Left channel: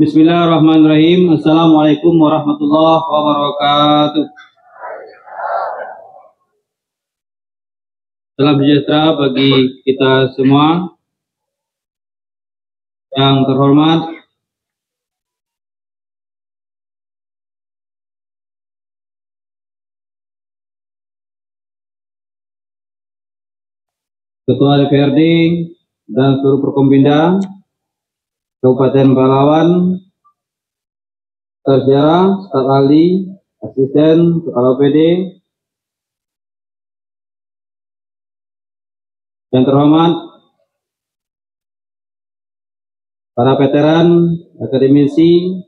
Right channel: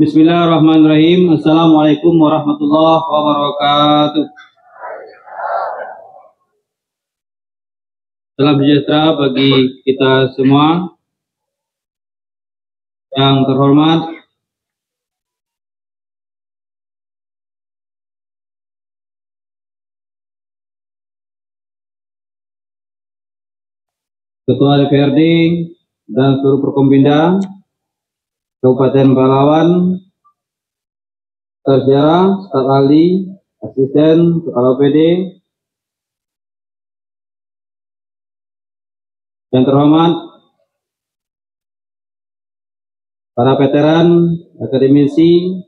Bismillahirrahmanirrahim. Assalamualaikum warahmatullahi wabarakatuh. Salam sejahtera bagi kita semua. Yang terhormat Ketua DPRD dan seluruh Forkompinda Kabupaten Palawan, sejarah, staf ahli, asisten, kepala OPD, yang terhormat para veteran, akademisi,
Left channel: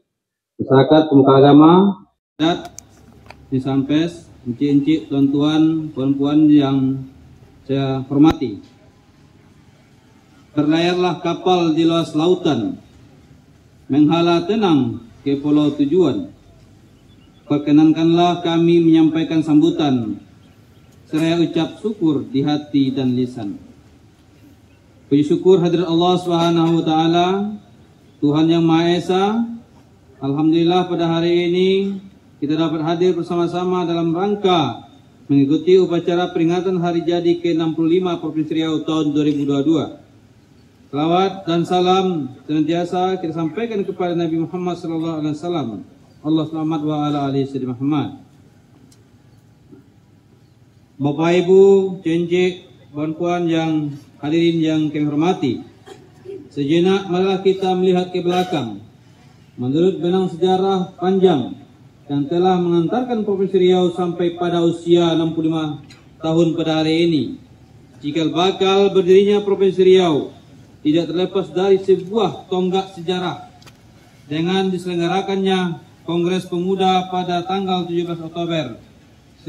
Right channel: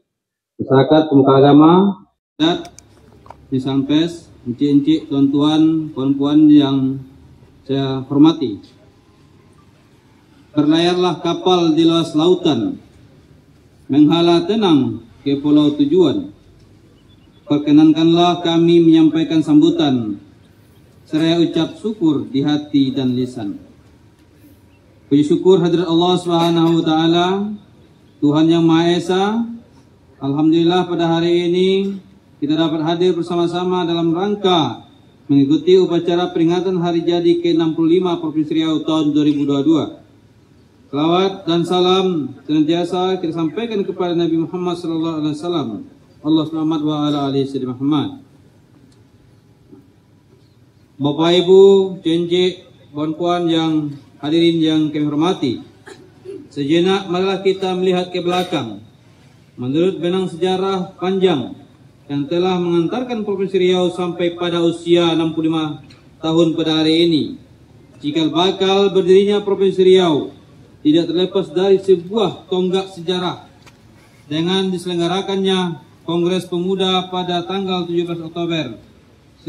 masyarakat, pemuka agama, disampes, encik-encik, tuan-tuan, puan-puan yang saya hormati. Berlayarlah kapal di luas lautan, menghala tenang ke pulau tujuan. Perkenankanlah kami menyampaikan sambutan, seraya ucap syukur di hati dan lisan. Puji syukur hadirat Allah Subhanahu wa Ta'ala, Tuhan yang Maha Esa. Alhamdulillah pada hari ini kita dapat hadir bersama-sama dalam rangka mengikuti upacara peringatan hari jadi ke-65 Provinsi Riau tahun 2022. Salawat dan salam senantiasa kita sampaikan kepada Nabi Muhammad SAW. Allah selamat wa ala alihi sayyidina Muhammad. Bapak Ibu, cincik, puan-puan yang hadirin yang kami hormati. Sejenak marilah kita melihat ke belakang. Menurut benang sejarah panjang yang telah mengantarkan Provinsi Riau sampai pada usia 65 tahun pada hari ini, cikal bakal berdirinya Provinsi Riau tidak terlepas dari sebuah tonggak sejarah dengan diselenggarakannya Kongres Pemuda pada tanggal 17 Oktober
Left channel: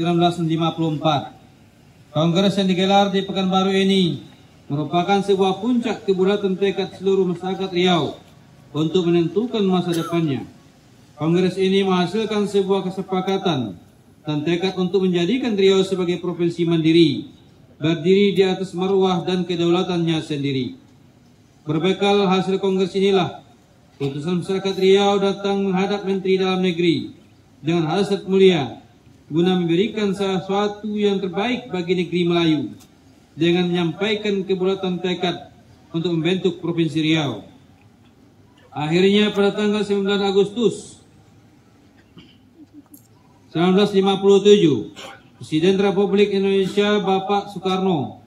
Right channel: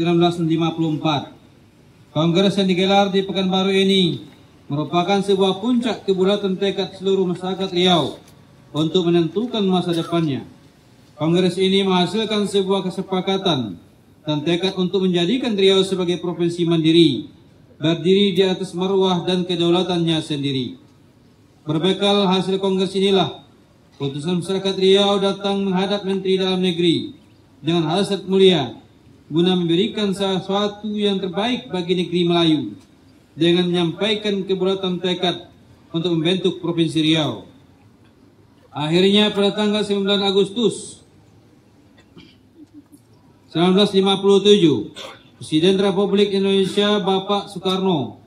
1954. Kongres yang digelar di Pekanbaru ini merupakan sebuah puncak kebulatan tekad seluruh masyarakat Riau untuk menentukan masa depannya. Kongres ini menghasilkan sebuah kesepakatan dan tekad untuk menjadikan Riau sebagai provinsi mandiri, berdiri di atas marwah dan kedaulatannya sendiri. Berbekal hasil kongres inilah, putusan masyarakat Riau datang menghadap Menteri Dalam Negeri dengan hasrat mulia guna memberikan sesuatu yang terbaik bagi negeri Melayu dengan menyampaikan kebulatan tekad untuk membentuk Provinsi Riau. Akhirnya pada tanggal 9 Agustus 1957, Presiden Republik Indonesia Bapak Soekarno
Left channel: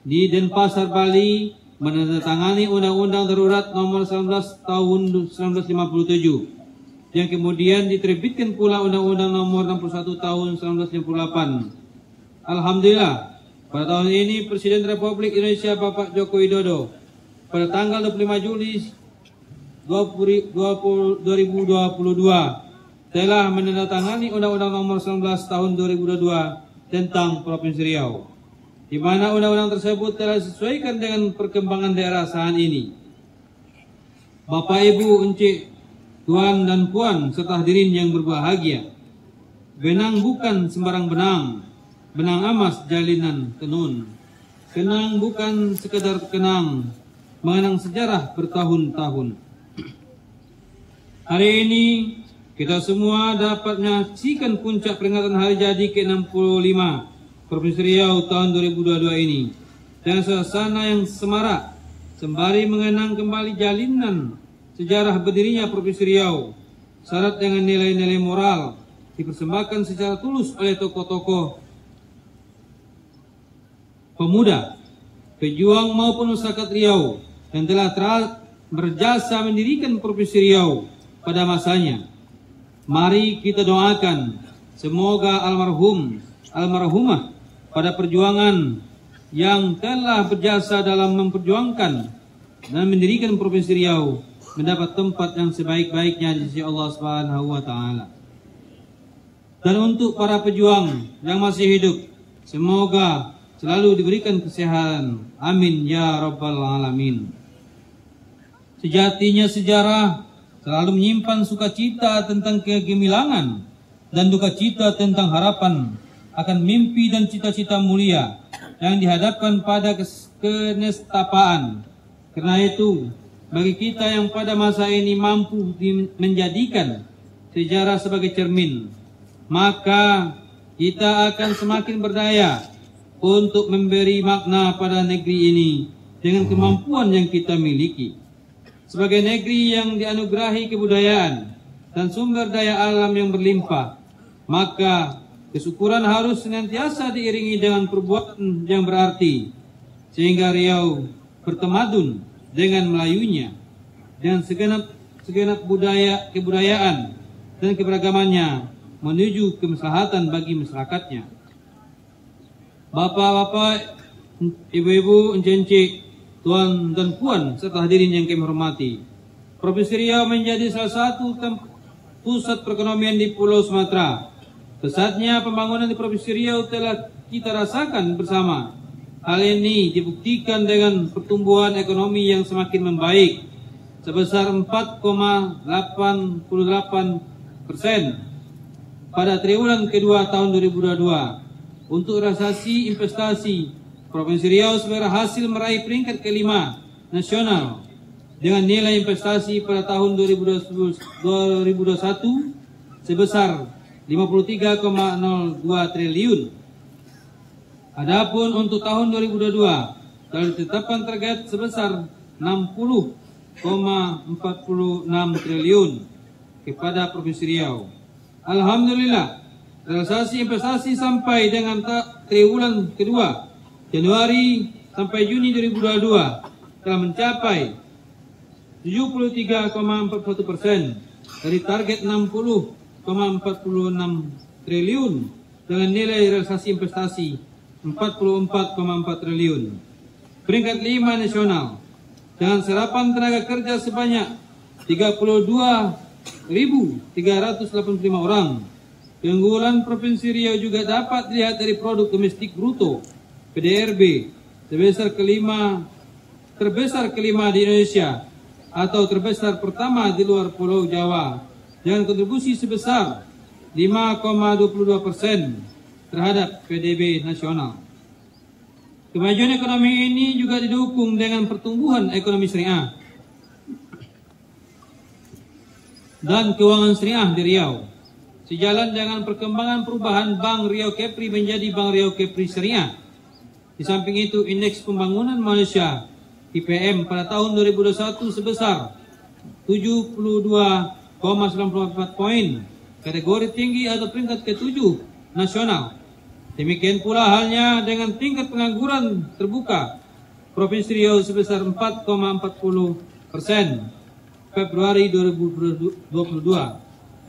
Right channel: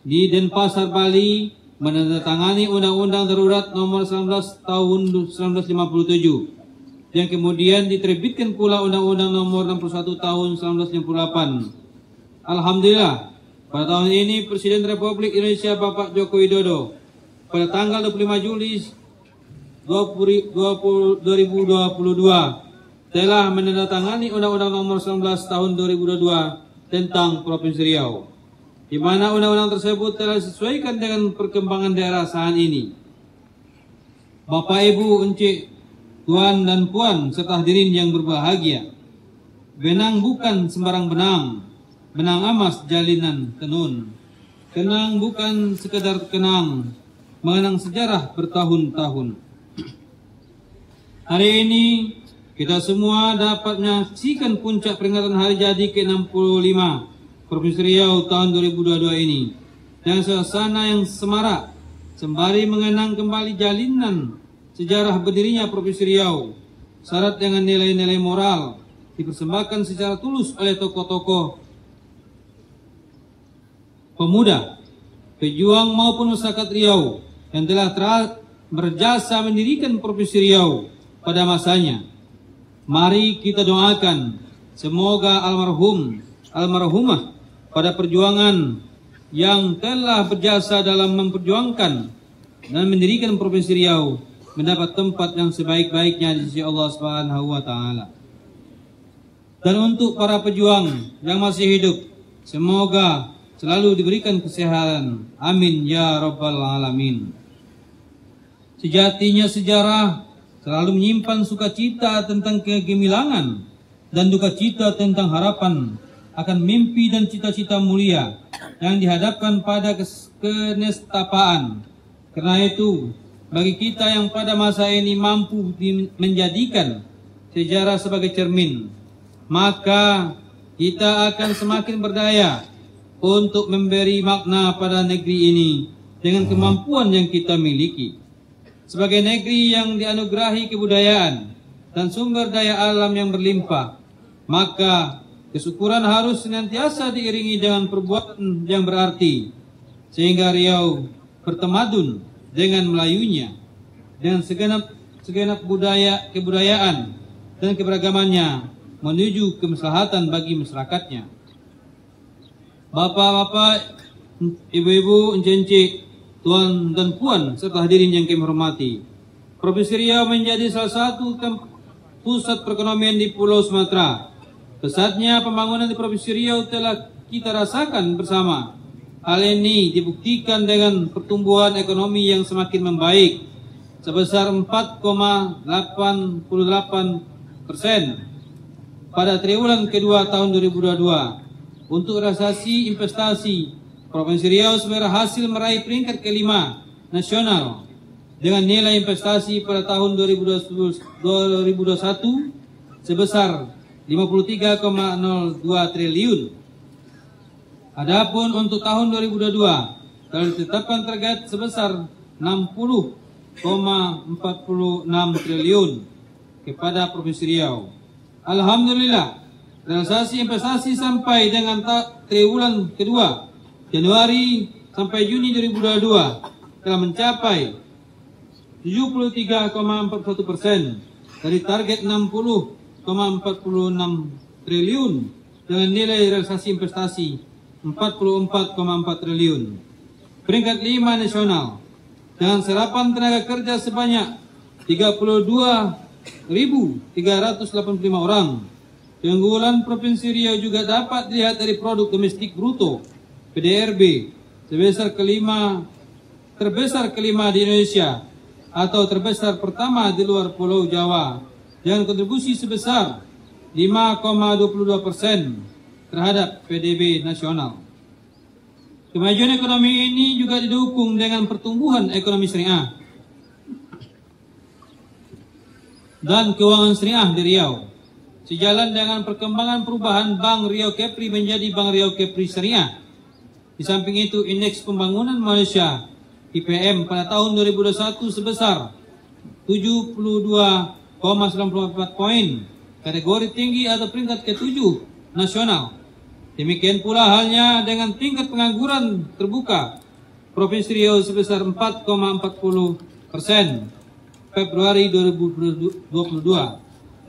di Denpasar, Bali menandatangani Undang-Undang Darurat Nomor 19 Tahun 1957 yang kemudian diterbitkan pula Undang-Undang Nomor 61 Tahun 1958. Alhamdulillah, pada tahun ini Presiden Republik Indonesia Bapak Joko Widodo pada tanggal 25 Juli 2022 telah menandatangani Undang-Undang Nomor 19 Tahun 2022 tentang Provinsi Riau, di mana undang-undang tersebut telah disesuaikan dengan perkembangan daerah saat ini. Bapak, Ibu, encik, tuan dan puan serta hadirin yang berbahagia, benang bukan sembarang benang, benang emas jalinan tenun. Kenang bukan sekedar kenang, mengenang sejarah bertahun-tahun. Hari ini kita semua dapat menyaksikan puncak peringatan hari jadi ke-65 Provinsi Riau tahun 2022 ini dan suasana yang semarak sembari mengenang kembali jalinan sejarah berdirinya Provinsi Riau syarat dengan nilai-nilai moral dipersembahkan secara tulus oleh tokoh-tokoh pemuda, pejuang maupun masyarakat Riau yang telah berjasa mendirikan Provinsi Riau pada masanya. Mari kita doakan semoga almarhumah pada perjuangan yang telah berjasa dalam memperjuangkan dan mendirikan Provinsi Riau mendapat tempat yang sebaik-baiknya di sisi Allah Subhanahu wa Ta'ala. Dan untuk para pejuang yang masih hidup, semoga selalu diberikan kesehatan. Amin ya rabbal alamin. Sejatinya sejarah selalu menyimpan sukacita tentang kegemilangan dan duka cita tentang harapan akan mimpi dan cita-cita mulia yang dihadapkan pada kenestapaan. Karena itu, bagi kita yang pada masa ini mampu menjadikan sejarah sebagai cermin, maka kita akan semakin berdaya untuk memberi makna pada negeri ini dengan kemampuan yang kita miliki. Sebagai negeri yang dianugerahi kebudayaan dan sumber daya alam yang berlimpah, maka kesyukuran harus senantiasa diiringi dengan perbuatan yang berarti, sehingga Riau bertemadun dengan Melayunya, dengan segenap kebudayaan dan keberagamannya menuju kemaslahatan bagi masyarakatnya. Bapak-bapak, ibu-ibu, encik-encik, tuan dan puan serta hadirin yang kami hormati, Provinsi Riau menjadi salah satu pusat perekonomian di Pulau Sumatera. Pesatnya pembangunan di Provinsi Riau telah kita rasakan bersama. Hal ini dibuktikan dengan pertumbuhan ekonomi yang semakin membaik sebesar 4,88% pada triwulan kedua tahun 2022. Untuk realisasi investasi, Provinsi Riau berhasil meraih peringkat kelima nasional dengan nilai investasi pada tahun 2021 sebesar 53,02 triliun. Adapun untuk tahun 2022 telah ditetapkan target sebesar 60,46 triliun kepada Provinsi Riau. Alhamdulillah, realisasi investasi sampai dengan triwulan kedua Januari sampai Juni 2022 telah mencapai 73,41% dari target 60,46 triliun dengan nilai realisasi investasi 44,4 triliun. Peringkat 5 nasional dengan serapan tenaga kerja sebanyak 32.385 orang. Keunggulan Provinsi Riau juga dapat dilihat dari produk domestik bruto PDRB terbesar kelima di Indonesia atau terbesar pertama di luar Pulau Jawa dengan kontribusi sebesar 5,22% terhadap PDB nasional. Kemajuan ekonomi ini juga didukung dengan pertumbuhan ekonomi syariah dan keuangan syariah di Riau. Sejalan dengan perkembangan perubahan Bank Riau Kepri menjadi Bank Riau Kepri Syariah. Di samping itu, indeks pembangunan Malaysia IPM pada tahun 2021 sebesar 72,94 poin, kategori tinggi atau peringkat ke-7 nasional. Demikian pula halnya dengan tingkat pengangguran terbuka Provinsi Riau sebesar 4,40% Februari 2022,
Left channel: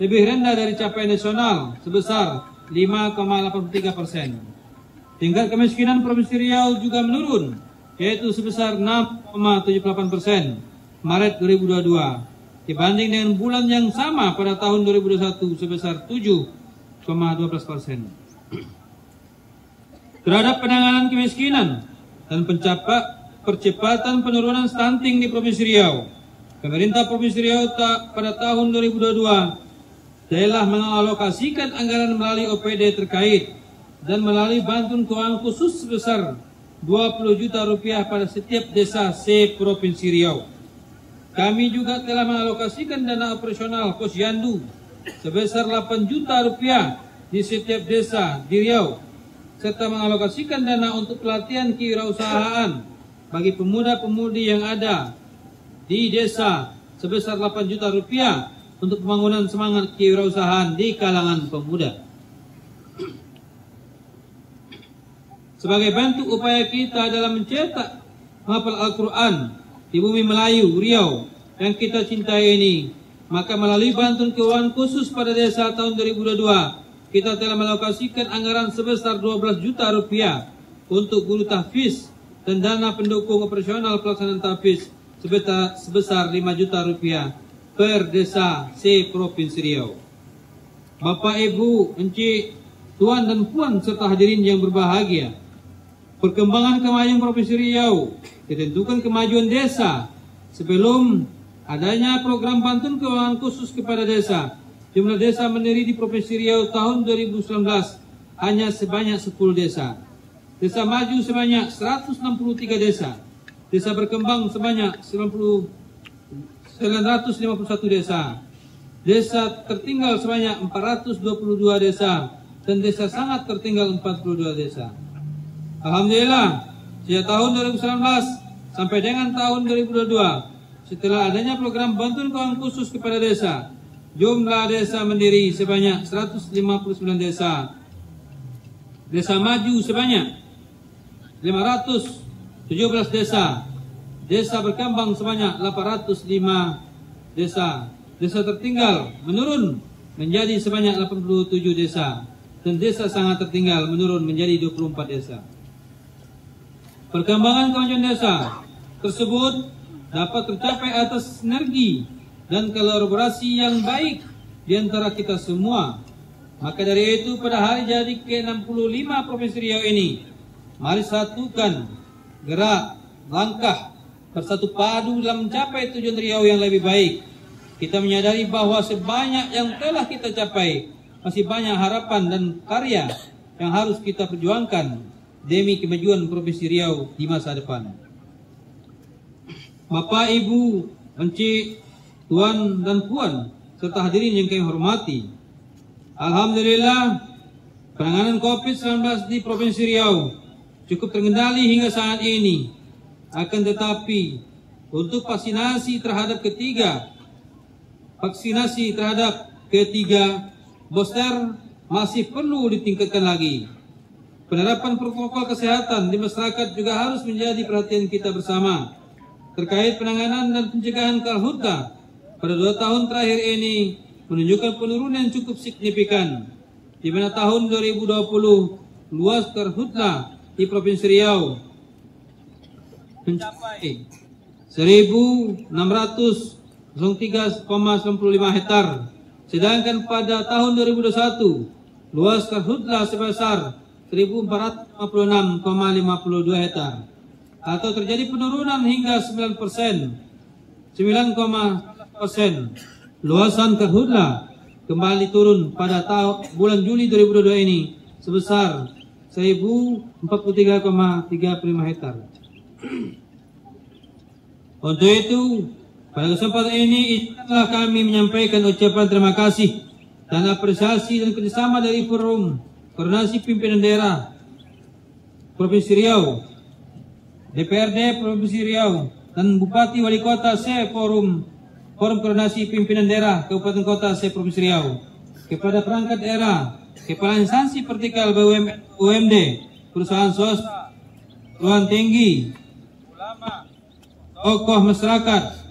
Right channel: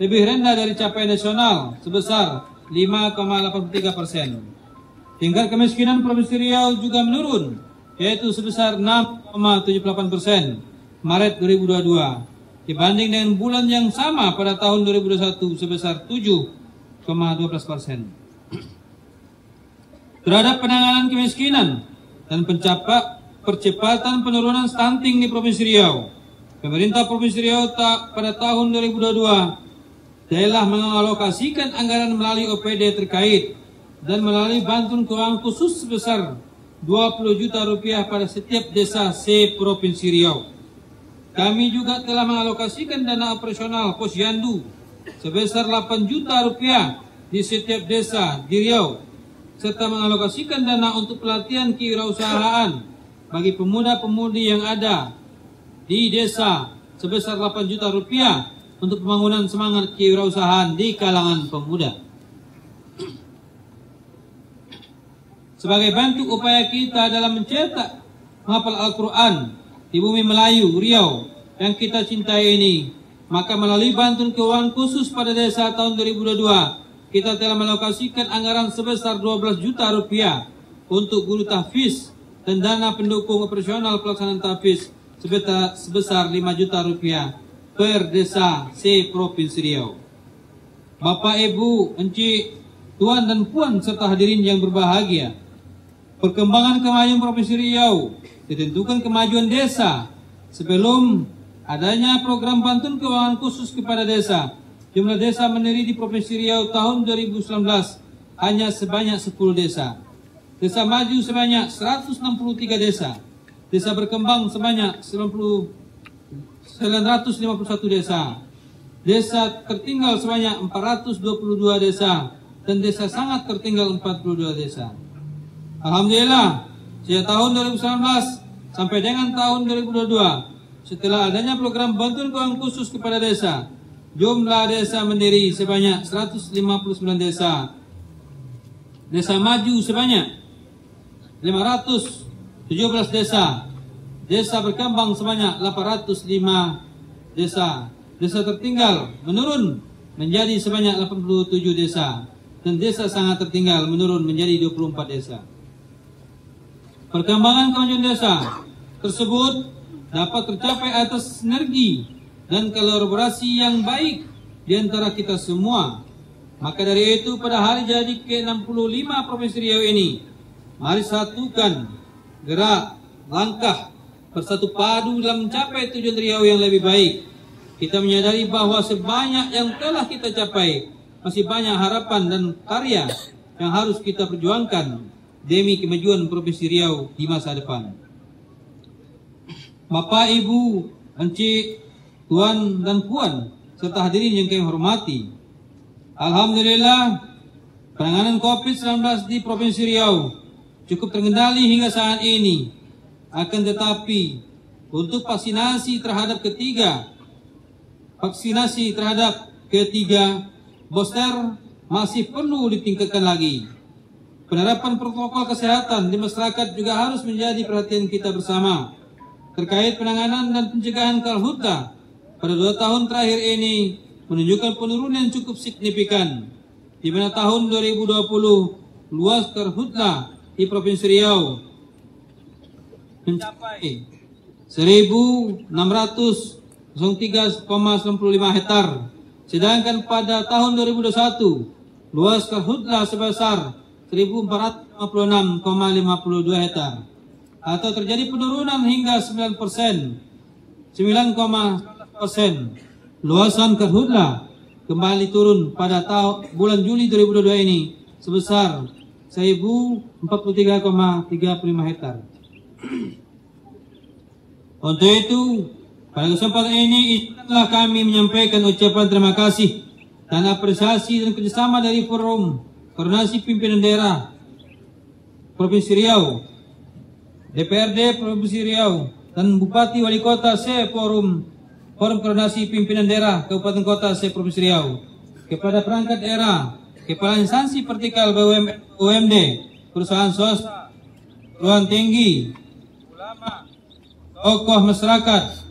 lebih rendah dari capaian nasional sebesar 5,83%. Tingkat kemiskinan Provinsi Riau juga menurun, yaitu sebesar 6,78% Maret 2022 dibanding dengan bulan yang sama pada tahun 2021 sebesar 7,12%. Terhadap penanganan kemiskinan dan percepatan penurunan stunting di Provinsi Riau, pemerintah Provinsi Riau pada tahun 2022 telah mengalokasikan anggaran melalui OPD terkait dan melalui bantuan keuangan khusus sebesar 20 juta rupiah pada setiap desa se-Provinsi Riau. Kami juga telah mengalokasikan dana operasional Posyandu sebesar 8 juta rupiah di setiap desa di Riau, serta mengalokasikan dana untuk pelatihan kewirausahaan bagi pemuda-pemudi yang ada di desa sebesar 8 juta rupiah untuk pembangunan semangat kewirausahaan di kalangan pemuda. Sebagai bentuk upaya kita dalam mencetak menghafal Al-Quran di bumi Melayu, Riau yang kita cintai ini, maka melalui bantuan keuangan khusus pada desa tahun 2022, kita telah mengalokasikan anggaran sebesar 12 juta rupiah untuk guru tahfiz dan dana pendukung operasional pelaksanaan tahfiz sebesar 5 juta rupiah per desa se-Provinsi Riau. Bapak, Ibu, Encik, Tuan dan Puan serta hadirin yang berbahagia, perkembangan kemajuan Provinsi Riau ditentukan kemajuan desa. Sebelum adanya program bantuan keuangan khusus kepada desa, jumlah desa mandiri di Provinsi Riau tahun 2019 hanya sebanyak 10 desa. Desa maju sebanyak 163 desa. Desa berkembang sebanyak 91 951 desa. Desa tertinggal sebanyak 422 desa. Dan desa sangat tertinggal 42 desa. Alhamdulillah, sejak tahun 2019 sampai dengan tahun 2022, setelah adanya program bantuan keuangan khusus kepada desa, jumlah desa mandiri sebanyak 159 desa. Desa maju sebanyak 517 desa. Desa berkembang sebanyak 805 desa. Desa tertinggal menurun menjadi sebanyak 87 desa. Dan desa sangat tertinggal menurun menjadi 24 desa. Perkembangan kemajuan desa tersebut dapat tercapai atas sinergi dan kolaborasi yang baik di antara kita semua. Maka dari itu pada hari jadi ke-65 Provinsi Riau ini, mari satukan gerak, langkah, bersatu padu dalam mencapai tujuan Riau yang lebih baik. Kita menyadari bahwa sebanyak yang telah kita capai, masih banyak harapan dan karya yang harus kita perjuangkan demi kemajuan Provinsi Riau di masa depan. Bapak, Ibu, Encik, Tuan dan Puan, serta hadirin yang kami hormati. Alhamdulillah, penanganan COVID-19 di Provinsi Riau cukup terkendali hingga saat ini. Akan tetapi, untuk vaksinasi terhadap ketiga booster masih perlu ditingkatkan lagi. Penerapan protokol kesehatan di masyarakat juga harus menjadi perhatian kita bersama. Terkait penanganan dan pencegahan karhutla pada 2 tahun terakhir ini menunjukkan penurunan cukup signifikan, di mana tahun 2020 luas karhutla di Provinsi Riau mencapai 1.603,95 hektar, sedangkan pada tahun 2021 luas karhutla sebesar 1.456,52 hektar. Atau terjadi penurunan hingga 9%. Luasan karhutla kembali turun pada bulan Juli 2022 ini sebesar 1.043,35 hektar. Untuk itu, pada kesempatan ini telah kami menyampaikan ucapan terima kasih dan apresiasi dan kerjasama dari Forum Koordinasi Pimpinan Daerah Provinsi Riau, DPRD Provinsi Riau, dan Bupati Wali Kota Forum Koordinasi Pimpinan Daerah Kabupaten Kota Provinsi Riau, kepada perangkat daerah, kepala instansi vertikal BUMD, perusahaan swasta, perguruan tinggi, ulama, tokoh masyarakat,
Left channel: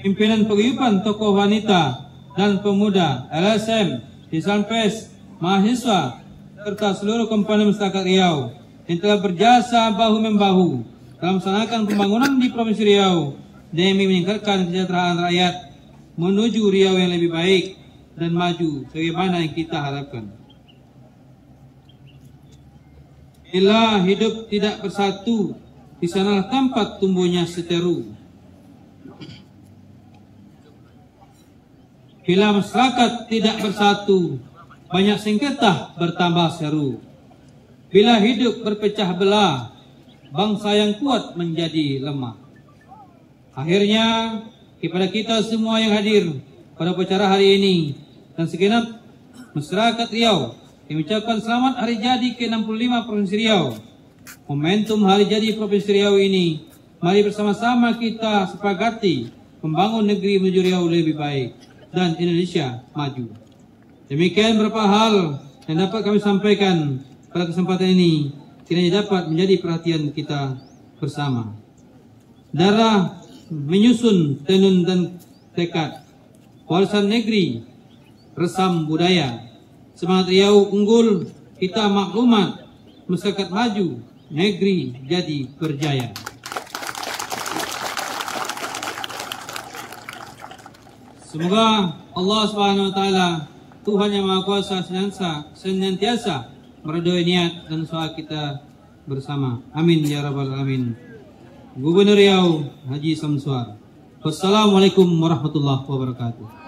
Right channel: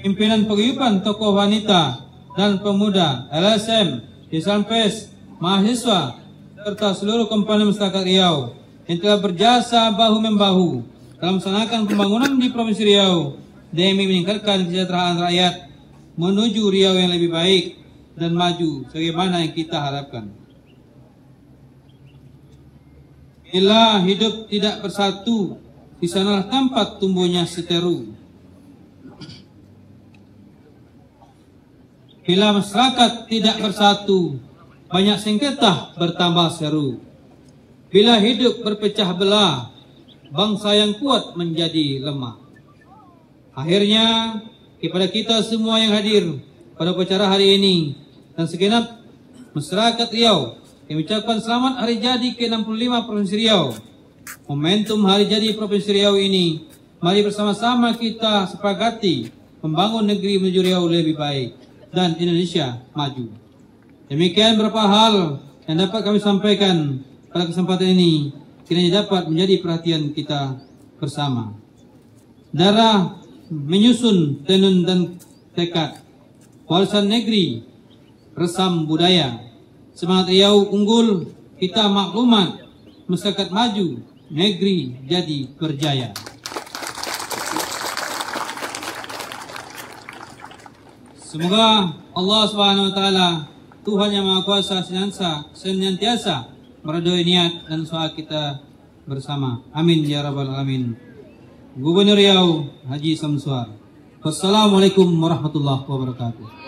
pimpinan paguyuban, tokoh wanita dan pemuda, LSM, Disampes, mahasiswa, serta seluruh komponen masyarakat Riau yang telah berjasa bahu-membahu dalam melaksanakan pembangunan di Provinsi Riau demi meningkatkan kesejahteraan rakyat menuju Riau yang lebih baik dan maju sebagaimana yang kita harapkan. Bila hidup tidak bersatu, di sanalah tempat tumbuhnya seteru. Bila masyarakat tidak bersatu, banyak sengketa bertambah seru. Bila hidup berpecah belah, bangsa yang kuat menjadi lemah. Akhirnya, kepada kita semua yang hadir pada upacara hari ini dan segenap masyarakat Riau, kami ucapkan selamat hari jadi ke-65 Provinsi Riau. Momentum hari jadi Provinsi Riau ini, mari bersama-sama kita sepakati membangun negeri menuju Riau lebih baik dan Indonesia maju. Demikian beberapa hal yang dapat kami sampaikan pada kesempatan ini, kiranya dapat menjadi perhatian kita bersama. Darah menyusun tenun dan tekad, warisan negeri, resam budaya, semangat Riau unggul, kita maklumat, masyarakat maju, negeri jadi berjaya. Semoga Allah Subhanahu wa taala, Tuhan yang Maha Kuasa, senantiasa meridhoi niat dan usaha kita bersama. Amin ya rabbal alamin. Gubernur Riau Haji Samsuar. Wassalamualaikum warahmatullahi wabarakatuh.